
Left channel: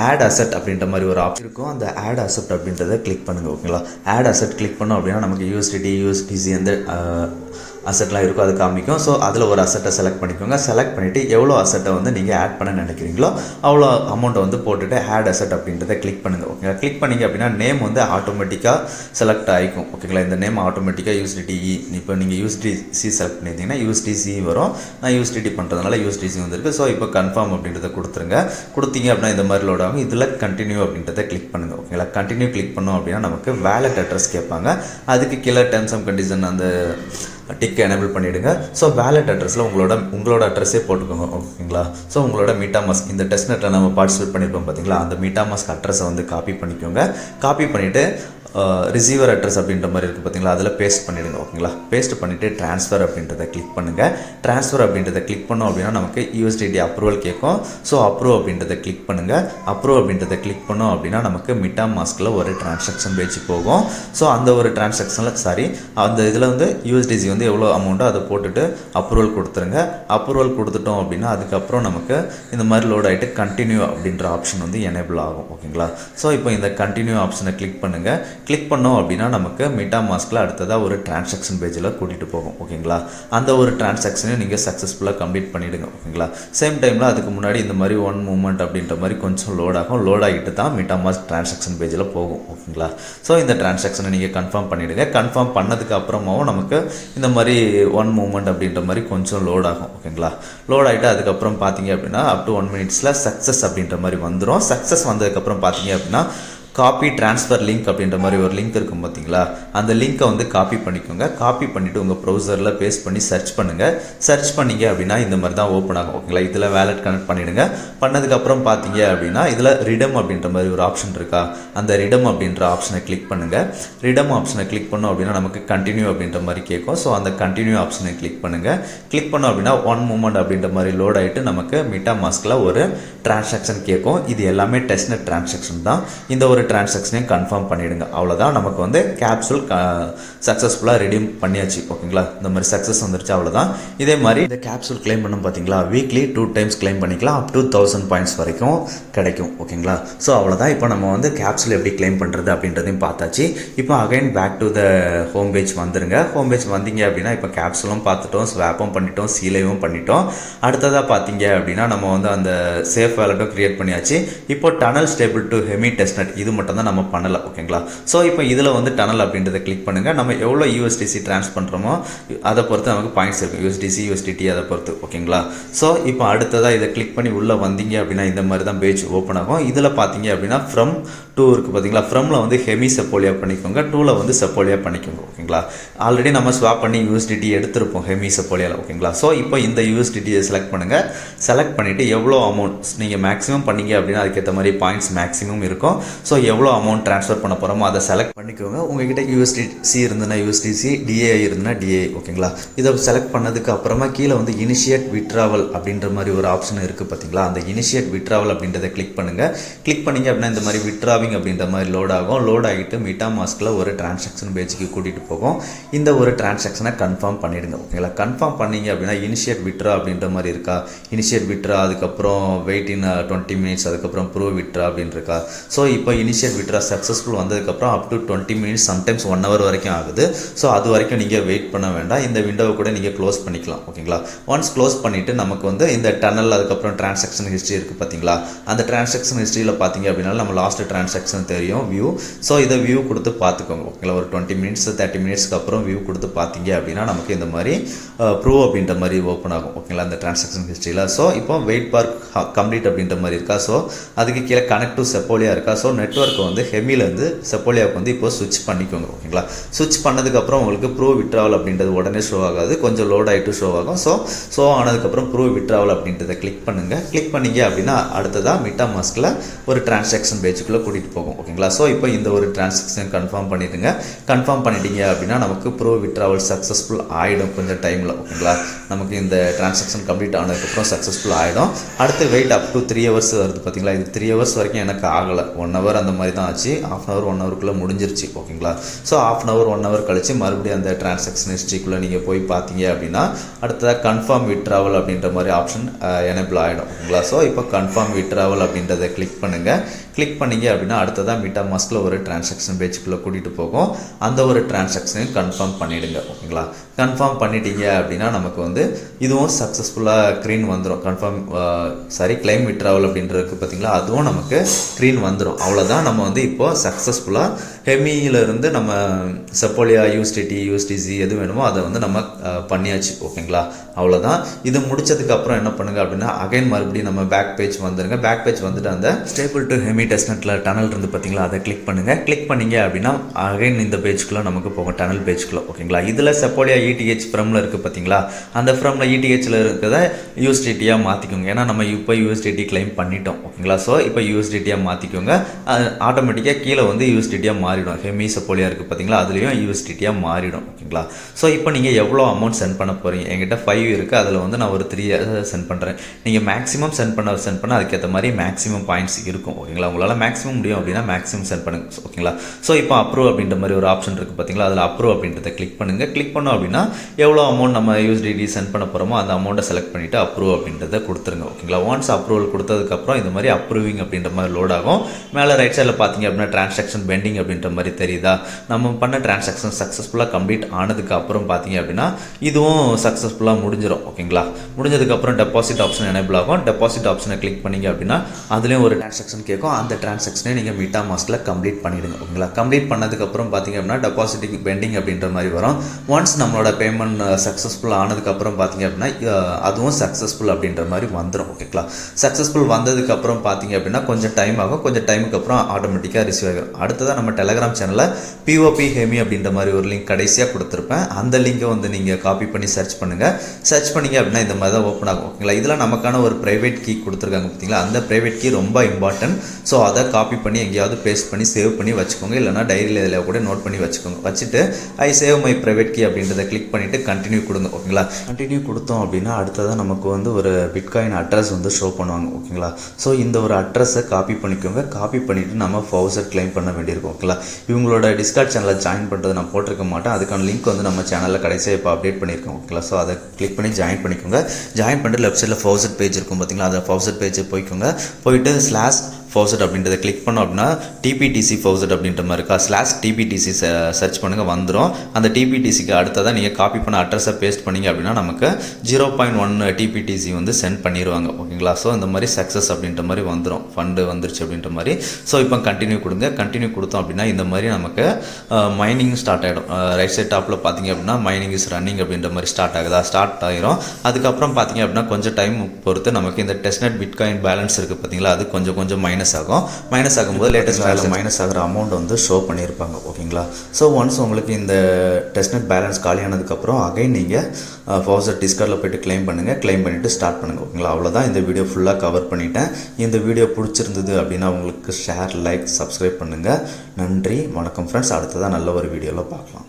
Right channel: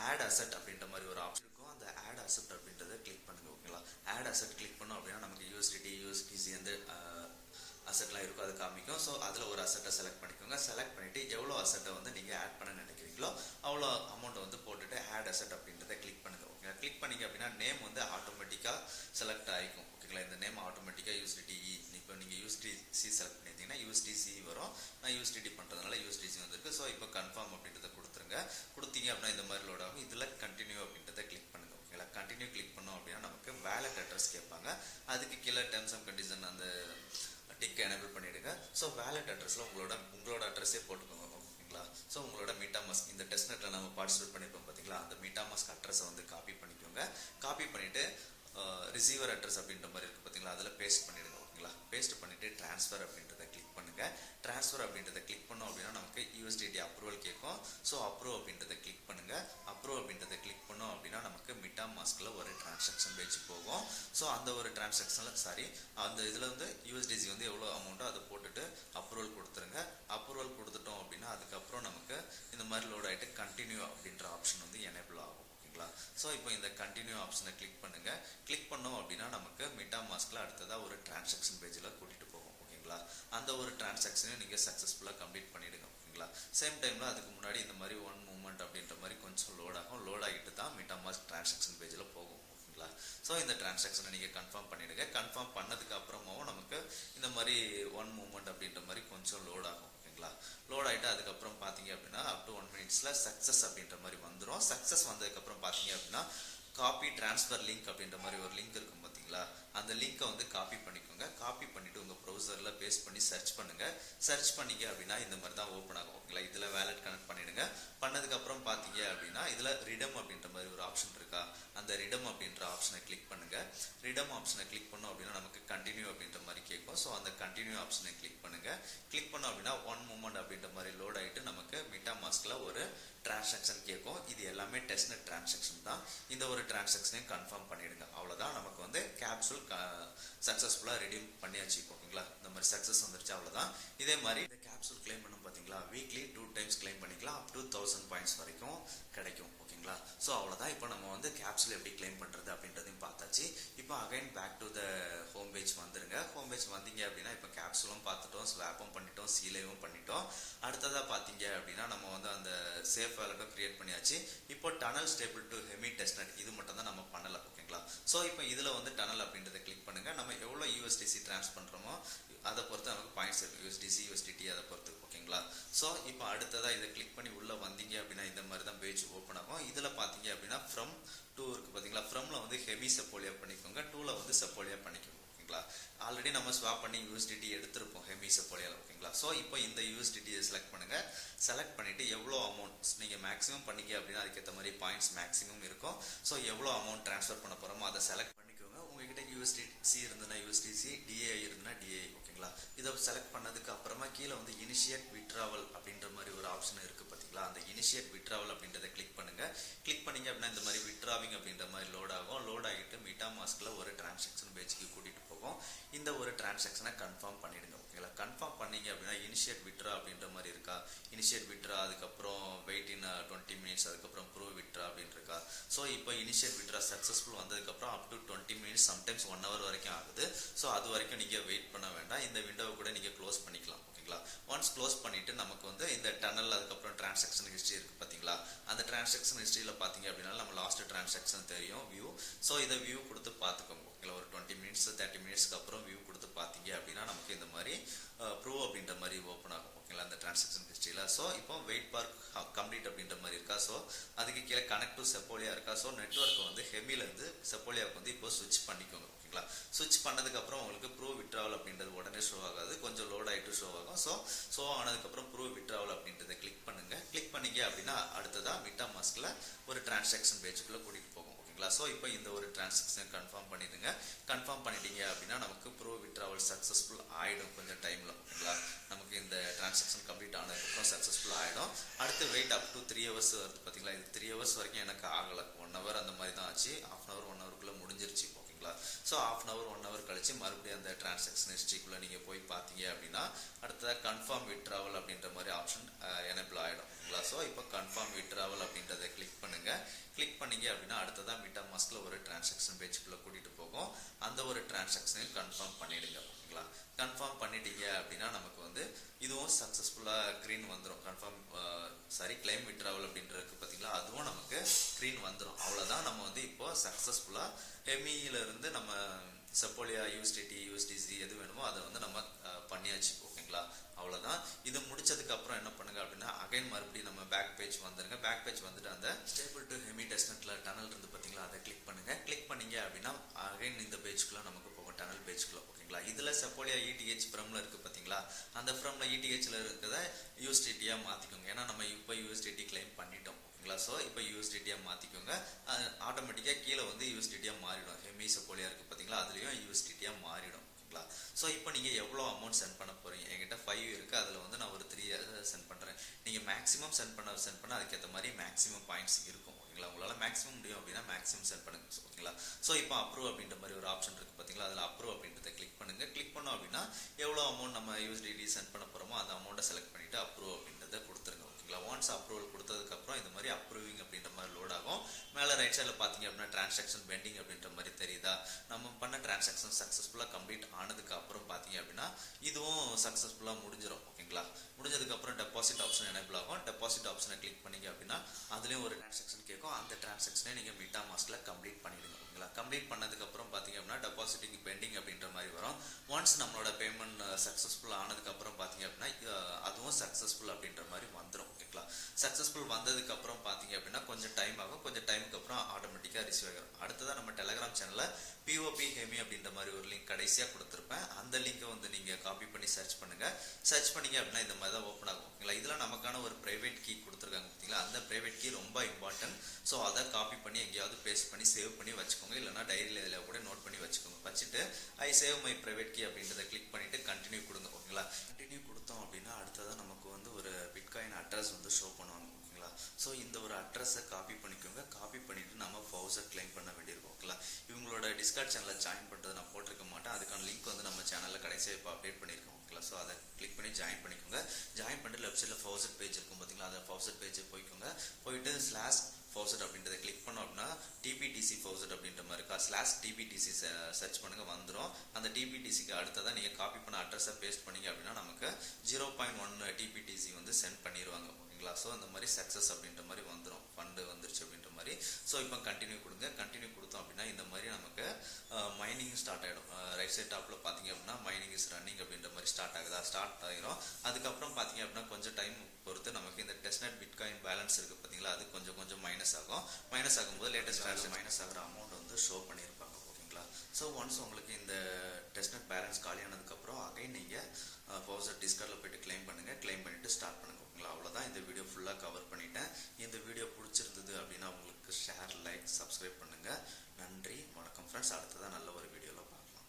ஆட் அசெட் அப்படின்ற மாதிரி ஒரு ஆப்ஷன் இருக்கும். அந்த ஆட் அசெட் அப்படின்றத கிளிக் பண்ணுங்கள். ஓகேங்களா. ஆட் அசெட் கிளிக் பண்ணோம் அப்படின்னா நமக்கு யூஎஸ்டிசி அந்த அசெட்லாம் இருக்கும், அது காமிக்கும். ஸோ அதில் ஒரு அசெட்டை செலக்ட் பண்ணிக்கோங்க. செலக்ட் பண்ணிவிட்டு எவ்வளோ அசெட்டை வந்து நீங்கள் ஆட் பண்ண நினைக்கிறீங்களோ அவ்வளோ அமௌண்ட்டை வந்து போட்டுட்டு ஆட் அசெட் அப்படின்றத கிளிக் பண்ணுங்கள். ஓகேங்களா. கிளிக் பண்ணிங்க அப்படின்னா நேம் வந்து ஆட்டோமேட்டிக்காக செலக்ட் ஆகிக்கும். ஓகேங்களா. இந்த நேம் ஆட்டோமேட்டிக்காக யூஎஸ்டிடி. இப்போ நீங்கள் யூஎஸ்டிசி செலக்ட் பண்ணியிருந்தீங்கன்னா யூஎஸ்டிசி வரும். நான் யூஎஸ்டிடி பண்ணுறதுனால யூஎஸ்டிசி வந்துருக்கு. ஸோ இப்போ கன்ஃபார்ம் அப்படின்றத கொடுத்துருங்க. கொடுத்தீங்க அப்படின்னா இந்த மாதிரி லோட் ஆகும். இதில் கண்டினியூ அப்படின்றத கிளிக் பண்ணுங்கள். ஓகேங்களா. கண்டினியூ கிளிக் பண்ணோம் அப்படின்னா நமக்கு வேலெட் அட்ரஸ் கேட்பாங்க. அதுக்கு கீழே டெர்ம்ஸ் அண்ட் கண்டிஷன் அந்த டிக் எனேபிள் பண்ணிவிடுங்க. ஸோ வேலெட் அட்ரஸில் உங்களோட அட்ரஸே போட்டுக்கோங்க. ஓகேங்களா. ஸோ உங்களோட மீட்டாமாஸ்க் இந்த டெஸ்ட் நெட்டில் நம்ம பார்ட்டிசிபேட் பண்ணியிருப்போம் பார்த்தீங்களா, அந்த மீட்டாமாஸ்க் அட்ரஸை வந்து காப்பி பண்ணிக்கோங்க. காப்பி பண்ணிவிட்டு ரிசீவர் அட்ரஸ் அப்படின்ற மாதிரி இருக்குது பார்த்தீங்களா, அதில் பேஸ்ட் பண்ணிவிடுங்க. ஓகேங்களா. பேஸ்ட் பண்ணிவிட்டு ட்ரான்ஸ்ஃபர் அப்படின்றத கிளிக் பண்ணுங்கள். ட்ரான்ஸ்ஃபர் அப்படின்றத கிளிக் பண்ணோம் அப்படின்னா நமக்கு யூஎஸ்டிடி அப்ரூவல் கேட்கும். ஸோ அப்ரூவ் அப்படின்றத கிளிக் பண்ணுங்கள். அப்ரூவ் அப்படின்றத கிளிக் பண்ணோம் அப்படின்னா நமக்கு மீட்டாமாஸ்கில் ஒரு டிரான்சாக்ஷன் பேஜ் போகும். ஸோ அந்த ஒரு டிரான்சாக்ஷனில் அந்த இதில் வந்து யூஎஸ்டிசி வந்து எவ்வளோ அமௌண்ட்டோ அதை போட்டுட்டு அப்ரூவல் கொடுத்துருங்க. அப்ரூவல் கொடுத்துட்டோம் அப்படின்னா அதுக்கப்புறம் நமக்கு இந்த மாதிரி லோட் ஆகிட்டு கண்டினியூ அப்படின்ற ஆப்ஷன் வந்து எனேபிள் ஆகும். ஓகேங்களா. ஸோ இப்போ இந்த கண்டினியூ ஆப்ஷனை கிளிக் பண்ணுங்கள். கிளிக் பண்ணோம் அப்படின்னா நமக்கு மீட்டாமாஸ்கில் அடுத்ததாக ஒரு டிரான்சாக்ஷன் பேஜில் கூட்டிகிட்டு போகும். ஓகேங்களா. அந்த ஒரு டிரான்சாக்ஷனையும் நீங்கள் சக்ஸஸ்ஃபுல்லாக கம்ப்ளீட் பண்ணிவிடுங்க. ஓகேங்களா. சேம் டைமில் அதுக்கு முன்னாடி இந்த மாதிரி ஒன் மூமெண்ட் அப்படின்ற மாதிரி கொஞ்சம் லோட் ஆகும். லோட் ஆகிட்டு தான் மீட்டாமாஸ்க் டிரான்சாக்ஷன் பேஜில் போகும். ஓகேங்களா. ஸோ இந்த டிரான்சாக்ஷனை நீங்கள் கன்ஃபார்ம் பண்ணிவிடுங்க. கன்ஃபார்ம் பண்ணதுக்கு அப்புறமாவும் நமக்கு இந்த மாதிரி ஒன் மூமெண்ட் அப்படின்ற மாதிரி கொஞ்சம் லோட் ஆகும். ஓகேங்களா. லோட் ஆகிட்டு அதுக்கப்புறம் பார்த்தீங்க அப்படின்னா அப் டு 1 மினிட்ஸில் சக்ஸஸ் அப்படின்ற மாதிரி வந்துடும். சக்ஸஸ் வந்ததுக்கப்புறம் பார்த்தீங்க அப்படின்னா காப்பி ட்ரான்ஸ்ஃபர் லிங்க் அப்படின்ற மாதிரி ஒரு லிங்க் இருக்கும் பார்த்தீங்களா, அந்த லிங்க்கை வந்து காப்பி பண்ணிக்கோங்க. காப்பி பண்ணிவிட்டு உங்கள் ப்ரௌசரில் பேஸ்ட் பண்ணி சர்ச் பண்ணுங்கள். சர்ச் பண்ணிங்க அப்படின்னா இந்த மாதிரி தான் ஓப்பன் ஆகும். ஓகேங்களா. இதில் வேலெட் கனெக்ட் பண்ணிவிடுங்க. பண்ணதுக்கப்புறம் பார்த்தீங்க அப்படின்னா இதில் ரிடம் அப்படின்ற மாதிரி ஒரு ஆப்ஷன் இருக்கா, அந்த ரிடம் அப்படின்ற ஆப்ஷனை கிளிக் பண்ணுங்கள். ரிடம் ஆப்ஷனை கிளிக் பண்ணோம் அப்படின்னா நமக்கு கண்டினியூ அப்படின்ற மாதிரி கேட்கும். ஸோ அந்த கண்டினியூ ஆப்ஷனை கிளிக் பண்ணுங்கள். கிளிக் பண்ணோம் அப்படின்னா ஒன் மூமெண்ட் அப்படின்ற மாதிரி லோட் ஆகிட்டு நமக்கு மீட்டாமாஸ்கில் ஒரு டிரான்சாக்ஷன் கேட்கும். இது எல்லாமே டெஸ்ட்நெட் டிரான்சாக்ஷன் தான். இந்த ஒரு டிரான்சாக்ஷனையும் கன்ஃபார்ம் பண்ணிவிடுங்க. அவ்வளோதான், நமக்கு வந்து கேப்சூல் சக்ஸஸ்ஃபுல்லாக ரெடீம் பண்ணியாச்சு. ஓகேங்களா. இந்த மாதிரி சக்ஸஸ் வந்துருச்சு, அவ்வளோதான். இதே மாதிரி இந்த கேப்சூல் கிளைம் பண்ணோம் பார்த்தீங்களா, வீக்லி 2 டைம்ஸ் கிளைம் பண்ணிக்கலாம். அப் டு 1000 பாயிண்ட்ஸ் வரைக்கும் கிடைக்கும். ஓகேங்களா. ஸோ அவ்வளோதான். இப்போ நம்ம வந்து கேப்சூல் எப்படி கிளைம் பண்ணுறது அப்படின்றதையும் பார்த்தாச்சு. இப்போ again back to the home page வந்துருங்க. ஹோம் பேஜ் வந்தீங்க அப்படின்னா இப்போ கேப்சூலும் பார்த்துட்டோம், ஸ்வாப்பும் பண்ணிட்டோம், சீலையும் பண்ணிட்டோம். அடுத்ததாக பார்த்தீங்க அப்படின்னா நம்ம வந்து அந்த சேஃப் வேலெட்டும் கிரியேட் பண்ணியாச்சு. இப்போ tunnel stable to Hemi testnet இது மட்டும் தான் நம்ம பண்ணலை. ஓகேங்களா. ஸோ இப்போ இதில் வந்து டனல் அப்படின்றத கிளிக் பண்ணுங்கள். நம்ம எவ்வளோ யூஎஸ்டிசி ட்ரான்ஸ்ஃபர் பண்ணுறோமோ அதை பொறுத்து நமக்கு பாயிண்ட்ஸ் இருக்கும். யூஎஸ்டிசி யூஎஸ்டிடி அதை பொறுத்து. ஓகேங்களா. ஸோ இப்போ அடுத்ததாக இதை கிளிக் பண்ணி உள்ளே வந்தீங்க அப்படின்னா இந்த மாதிரி தான் பேஜ் ஓப்பன் ஆகும். இதில் பார்த்தீங்க அப்படின்னா ஃப்ரம் டூ இருக்குது பார்த்தீங்களா, ஃப்ரமில் வந்து ஹெமி செப்போலியா பண்ணிக்கோங்க, டூவில் வந்து செப்போலியா பண்ணிக்கோங்க. ஓகேங்களா. ஆல்ரெடி நம்ம ஸ்வாப் பண்ணி யூஎஸ்டிடி எடுத்திருப்போம் ஹெமி செப்போலியாவில். ஓகேங்களா. ஸோ இப்போ இந்த யூஎஸ்டிடியை செலக்ட் பண்ணுங்கள். செலக்ட் பண்ணிவிட்டு எவ்வளோ அமௌண்ட் நீங்கள் மேக்ஸிமம் பண்ணீங்க அப்படின்னா அதுக்கேற்ற மாதிரி பாயிண்ட்ஸ் மேக்ஸிமம் இருக்கும். ஸோ எவ்வளோ அமௌண்ட் ட்ரான்ஸ்ஃபர் பண்ண போகிறோமோ அதை செலக்ட் பண்ணிக்கோங்க. உங்கள்கிட்ட யூஎஸ்டிசி இருந்ததுன்னா யூஎஸ்டிசி, டிஏஐ இருந்ததுன்னா டிஏஐ. ஓகேங்களா. இதை செலக்ட் பண்ணதுக்கு அப்புறமா கீழே வந்து இனிஷியேட் விட்ராவல் அப்படின்ற மாதிரி ஒரு ஆப்ஷன் இருக்குது பார்த்தீங்களா, அந்த இனிஷியேட் விட்ராவல் அப்படின்றத கிளிக் பண்ணுங்கள். கிளிக் பண்ணிங்க அப்படின்னா இந்த மாதிரி விட்ராவிங் அப்படின்ற மாதிரி லோட் ஆகும். லோட் ஆகிட்டு மீட்டாமாஸ்கில் ஒரு டிரான்சாக்ஷன் பேஜுக்கு கூட்டிகிட்டு போகும். இந்த ஒரு டிரான்சாக்ஷனை கன்ஃபார்ம் பண்ணிவிடுங்க. ஓகேங்களா. கன்ஃபார்ம் பண்ணிங்க அப்படின்னா இனிஷியேட் விட்ரா அப்படின்ற மாதிரி இருக்கா, இனிஷியேட் விட்ரா, அதுக்கப்புறம் வெயிட் இன் 20 மினிட்ஸ், அதுக்கப்புறம் ப்ரூவ் விட்ரா அப்படின்னு இருக்கா. ஸோ இப்போ இனிஷியேட் விட்ரா சக்ஸஸ்ஃபுல் வந்ததுக்கப்புறம் up to 20 minutes, sometimes 1 hour வரைக்கும் ஆகுது. ஸோ அது வரைக்கும் நீங்கள் வெயிட் பண்ண வேண்டாம். இந்த விண்டோவை கூட நீங்கள் க்ளோஸ் பண்ணிக்கலாம். ஓகேங்களா. ஒன்ஸ் க்ளோஸ் பண்ணிவிட்டு நமக்கு வந்து இந்த டனல் அதுக்கப்புறம் டிரான்சாக்ஷன் ஹிஸ்ட்ரி இருக்குது பார்த்தீங்களா, அந்த டிரான்சாக்ஷன் ஹிஸ்ட்ரியில் பார்த்தீங்க அப்படின்னா நம்ம லாஸ்ட் டிரான்சாக்ஷன் தெரியும் வியூ. ஸோ இதை வியூ கொடுத்து பார்த்துக்கோங்க. ஓகேங்களா. ஒரு 20 மினிட்ஸ் 30 மினிட்ஸ்க்கு அப்புறம் வியூ கொடுத்து பார்த்தீங்க அப்படின்னா நமக்கு இந்த மாதிரி ப்ரூவ் அப்படின்ற மாதிரி ஓப்பன் ஆகும். ஓகேங்களா. அந்த டிரான்சாக்ஷன் ஹிஸ்ட்ரியில். ஸோ இப்போ வெயிட் பார் கம்ப்ளீட் அப்படின்ற மாதிரி இருக்கா. ஸோ அதுக்கு கீழே கனெக்ட் டு செப்போலியா இருக்கா. ஸோ நெட்வொர்க் நெட்வொர்க்கை வந்து ஹெமிலேருந்து செப்போலியாவுக்கு வந்து இப்போ ஸ்விட்ச் பண்ணிக்கோங்க. ஓகேங்களா, ஸ்விட்ச் பண்ணதுக்கப்புறம் உங்களுக்கு ப்ரூவ் விட்ராவல் அப்படின்றது உடனே ஷோ ஆகாது, கொஞ்சம் லோட் ஆகிட்டு ஷோ ஆகும். ஸோ ஆனதுக்கப்புறம் ப்ரூவ் விட்ராவல் அப்படின்றத கிளிக் பண்ணுங்கள். கிளிக் பண்ணிங்க அப்படின்னா அடுத்ததாக MetaMaskல ஒரு டிரான்சாக்ஷன் பேஜுக்குள்ளே கூட்டிகிட்டு போகும். ஓகேங்களா, ஸோ இப்போ இந்த ஒரு டிரான்சாக்ஷன் கன்ஃபார்ம் பண்ணிடுங்க. கன்ஃபார்ம் பண்ணிட்டீங்க அப்படின்னா நமக்கு ப்ரூவ் விட்ராவல் சக்ஸஸ்ஃபுல் ஆகிடும் கொஞ்சம் டைமில். ஓகேங்களா, நமக்கு இந்த டிரான்சாக்ஷன் கம்ப்ளீட் ஆனதுக்கப்புறம் சக்ஸஸ்ஃபுல் ஆகிடும். அடுத்து வெயிட் அப் டு 3 hours வருது பார்த்தீங்களா, இது 3 hours வரைக்கும் எனக்கு ஆகலை, 1 hour அந்த மாதிரி தான் ஆச்சு. 1/2 hour 1 hourக்குள்ளே முடிஞ்சிருச்சு. ஓகேங்களா, ஸோ 1/2 hour 1 hour கழிச்சு மறுபடியும் அந்த டிரான்சாக்ஷன் ஹிஸ்ட்ரிக்குள்ளே நீங்கள் போய் பார்த்தீங்க அப்படின்னா அடுத்ததாக கன்ஃபார்ம் விட்ராவல் அப்படின்ற மாதிரி ஆப்ஷன் எனேபிள் ஆகிடும். ஓகேங்களா, ஸோ இப்போ கன்ஃபார்ம் விட்ராவல் அப்படின்றத கிளிக் பண்ணுங்கள். கிளிக் பண்ணிங்க அப்படின்னா அடுத்ததாக MetaMaskல ஒரு டிரான்சாக்ஷன் பேஜுக்குள்ளே கூட்டிகிட்டு போகும். அந்த ஒரு டிரான்சாக்ஷனையும் கன்ஃபார்ம் பண்ணிவிடுங்க. ஓகேங்களா, கன்ஃபார்ம் பண்ணிட்டீங்க அப்படின்னா நமக்கு வந்து இதுவும் சக்ஸஸ்ஃபுல்லாக க்ரீன் வந்துடும். கிளைம் விட்ராவல் அப்படின்றதுக்கு பார்த்தீங்களா, அதுவும் நமக்கு க்ரீன் வந்துடும். அவ்வளோதான், நம்ம வந்து இப்போது சக்ஸஸ்ஃபுல்லாக ஹெமியிலேருந்து நம்ம செப்போலியா, USDT எது வேணுமோ அதை வந்து நம்ம பண்ணியாச்சு. ஓகேங்களா, அவ்வளோதான். இது முடிச்சதுக்கப்புறம் என்ன பண்ணுங்கள் அப்படின்னா அகைன் மறுபடியும் நம்ம பேக் பேஜ் வந்துடுங்க. பேக் பேஜ் வந்துட்டு அந்த ஸ்டேபிள் டு ஹெமி டெஸ்ட்நெட்டில் டனல் இருந்து பார்த்தீங்களா, அதை கிளிக் பண்ணுங்கள். கிளிக் பண்ணிங்க அப்படின்னா அகைன் இந்த பேஜுக்குள்ளே நமக்கு போகும், டனல் பேஜுக்குள்ளே. ஓகேங்களா, இதில் செப்போலியா ETH ஃப்ரமில் இருக்குது பார்த்தீங்களா, அந்த ஃப்ரமில் ETHல இருக்கிறத USDTயாக மாற்றிக்கோங்க. ஏன்னா நம்ம இப்போ USDT கிளைம் பண்ணிட்டோம். ஓகேங்களா, ஸோ இப்போ USDTயாக மாற்றிக்கோங்க. ஆட்டோமேட்டிக்காக கீழே வந்து USDTயாக மாறிடும். ஹெமி செப்போலியா இருக்குது பார்த்தீங்களா, அதுலேயும் USDTயாக மாறிடும். ஓகேங்களா, ஸோ இப்போ நீங்கள் எவ்வளோ அமௌண்ட் சென்ட் பண்ண போகிறீங்க, என்கிட்ட 5 இருக்குது, அதில் வந்து நான் ஒரு 3 சென்ட் பண்ணுறேன். நீங்கள் மேக்ஸிமம் சென்ட் பண்ண அதுக்கேற்ற மாதிரி மேக்ஸிமம் பாயிண்ட்ஸ் இருக்கும். ஓகேங்களா, உங்களால் மேக்ஸிமம் முடியும் அப்படின்னா மேக்ஸிமம் சென்ட் பண்ணுங்க. ஓகேங்களா, ஸோ இப்போ அப்ரூவ் அப்படின்ற மாதிரி ஒரு ஆப்ஷன் இருக்குது பார்த்தீங்களா, அதில் அப்ரூவ் அப்படின்றத கிளிக் பண்ணுங்கள். கிளிக் பண்ணோம் அப்படின்னா எவ்வளோ அமௌண்ட் நம்ம USDT சென்ட் பண்ண போகிறோமோ அந்த அமௌண்ட்டை செலக்ட் பண்ணிவிட்டு அப்ரூவ் அப்படின்றத கொடுத்துருங்க. ஓகேங்களா, ஒன்ஸ் அப்ரூவல் கொடுத்ததுக்கப்புறம் இந்த மாதிரி அப்ரூவிங் அப்படின்ற மாதிரி லோட் ஆகும். மேலே ரைட் சைடில் பார்த்தீங்க அப்படின்னா டிரான்சாக்ஷன் பெண்டிங் அப்படின்ற மாதிரி தெரியுதா, நம்ம பண்ண டிரான்சாக்ஷன் சக்ஸஸ்ஃபுல்லாக கம்ப்ளீட் ஆனதுக்கு அப்புறம் பார்த்தீங்க அப்படின்னா இதுவும் சக்ஸஸ்ஃபுல்லாக முடிஞ்சிடும். ஓகேங்களா, முடிஞ்சதுக்கப்புறம் டெபாசிட் ஆப்ஷன் எனேபிள் ஆகும். டெபாசிட் ஆப்ஷனை கிளிக் பண்ணிங்க அப்படின்னா அதுலேயும் ஒரு டிரான்சாக்ஷன் கேட்கும். அந்த டிரான்சாக்ஷனை நீங்கள் MetaMaskல கம்ப்ளீட் பண்ணிவிடுங்க. ஓகேங்களா, கம்ப்ளீட் பண்ணதுக்கப்புறம் பார்த்தீங்க அப்படின்னா டெபாசிட்டிங் பெண்டிங் அப்படின்ற மாதிரி வரும். ஒன்ஸ் நம்மளோட பேமெண்ட் சக்ஸஸ்ஃபுல் ஆனதுக்கப்புறம் பார்த்தீங்க அப்படின்னா அதுவும் சக்ஸஸ்ஃபுல் அப்படின்ற மாதிரி வந்துடும். ஓகேங்களா, சக்ஸஸ்ஃபுல் வந்ததுக்கப்புறம் பார்த்தீங்க அப்படின்னா கொஞ்சம் டைம் ஆகும். கொஞ்சம் டைமுக்கு அப்புறம் ஆட்டோமேட்டிக்காக ரிசீவ் ஆகும். அடுத்ததாக நம்ம டெலகிராம் சேனலில் POP ஹெமி அப்படின்ற மாதிரி ஒரு லிங்க் கடைசியாக கொடுத்துருப்பேன். அந்த லிங்கை வந்து நீங்கள் காப்பி பண்ணி சர்ச் பண்ணுங்கள். சர்ச் பண்ணிங்க அப்படின்னா இந்த மாதிரி தான் ஓப்பன் ஆகும். ஓகேங்களா, இதில் நமக்கான ஒரு ப்ரைவேட் கீ கொடுத்துருக்காங்க பார்த்தீங்களா, அந்த ப்ரைவேட் கீ ரொம்ப இம்பார்ட்டன்ட். ஸோ அதை காப்பி பண்ணி எங்கேயாவது பேஸ்ட் பண்ணி சேவ் பண்ணி வச்சுக்கோங்க. இல்லைனா டைரியில் இதில் கூட நோட் பண்ணி வச்சுக்கோங்க. வச்சுட்டு I save my private key அப்படின்றத கிளிக் பண்ணிவிட்டு கண்டினியூ கொடுங்க. ஓகேங்களா, கண்டினியூ கொடுத்தோம் அப்படின்னா அடுத்ததாக நமக்கு வந்து ஒரு பிட்காயின் அட்ரஸ் வந்து ஷோ பண்ணுவாங்க. ஓகேங்களா, ஸோ இந்த ஒரு அட்ரஸை காப்பி பண்ணிக்கோங்க. காப்பி பண்ணிவிட்டு நம்ம ஃபவுசர் கிளைம் பண்ண வேண்டியிருக்கும். ஓகேங்களா, இவங்களோட டிஸ்கார்ட் சேனலில் ஜாயின் பண்ணுறது நான் போட்டிருக்க மாட்டேன். அதுக்கான லிங்க் வந்து நம்ம சேனலில் கடைசியாக இப்போ அப்டேட் பண்ணியிருக்கோம். ஓகேங்களா, ஸோ அதை கிளிக் பண்ணி ஜாயின் பண்ணிக்கோங்க. ஜாயின் பண்ணிட்டு லெஃப்ட் சைடில் ஃபவுசர் பேஜ் இருக்கும் பார்த்தீங்களா, அதை ஃபவுசர் பேஜை போய்க்கோங்க. போயிட்டு /faucet அப்படின்றத கிளிக் பண்ணோம் அப்படின்னா TPTC faucet அப்படின்ற மாதிரி இருக்கா, /TPTC சர்ச் பண்ணுங்கள் வந்துடும். அந்த TPTCக்கு அடுத்ததாக நீங்கள் காப்பி பண்ண அட்ரஸை பேஸ்ட் பண்ணிங்க அப்படின்னா நமக்கு 0.1 TPTC வந்து சென்ட் பண்ணிடுவாங்க. ஓகேங்களா, ஸோ இந்த மாதிரி சக்ஸஸ் அப்படின்ற மாதிரி வந்துடும், ஃபண்டு வந்துருச்சு அப்படின்ற மாதிரி. ஸோ இப்போ கண்டினியூ கொடுங்க. கண்டினியூ கொடுத்தோம் அப்படின்னா இந்த மாதிரி நமக்கு மைனிங் ஸ்டார்ட் ஆகிடும். ரைட் சைட் டாப்பில் பார்த்தீங்க அப்படின்னா மைனிங் இஸ் ரன்னிங் அப்படின்ற மாதிரி ஸ்டார்ட் ஆகிரும். அதுக்கப்புறம் பார்த்தீங்க அப்படின்னா கொஞ்சம் டைம் பொறுத்து நமக்கு இந்த டெஸ்ட்நெட் பிட்காயின் பேலன்ஸ் இருக்குது பார்த்தீங்களா, அது கொஞ்சம் மைனஸ் ஆகும். மைனஸ் ஆகும்போது லேட்டஸ்ட் வேல்யூ மைனஸ் ஆகிற அமௌண்ட் வந்து ஷோ பண்ணியிருப்பாங்க. ஓகேங்களா, ஸோ ஒன்ஸ் உங்களுக்கு இந்த டெஸ்ட்நெட் பேலன்ஸ் காலியானதுக்கப்புறம் அகைன் நீங்கள் ஃபவுசர் டிஸ்கார்டில் போய்ட்டு கிளைம் பண்ணுங்கள். கிளைம் பண்ணிவிட்டு ஸ்டார்ட் பண்ணுங்கள். ஓகேங்களா, அவ்வளோதான். இந்த வீடியோ ஃபுல்லாக கவர் பண்ணிட்டேன். இந்த வீடியோ பிடிச்சிருந்தது அப்படின்னா உங்களுக்கு ஷேர், லைக், சப்ஸ்கிரைப் பண்ணுங்கள். நன்றி, வணக்கம் ஃப்ரெண்ட்ஸ். அடுத்ததான் நல்ல ஒரு வீடியோவில் பார்க்கலாம்.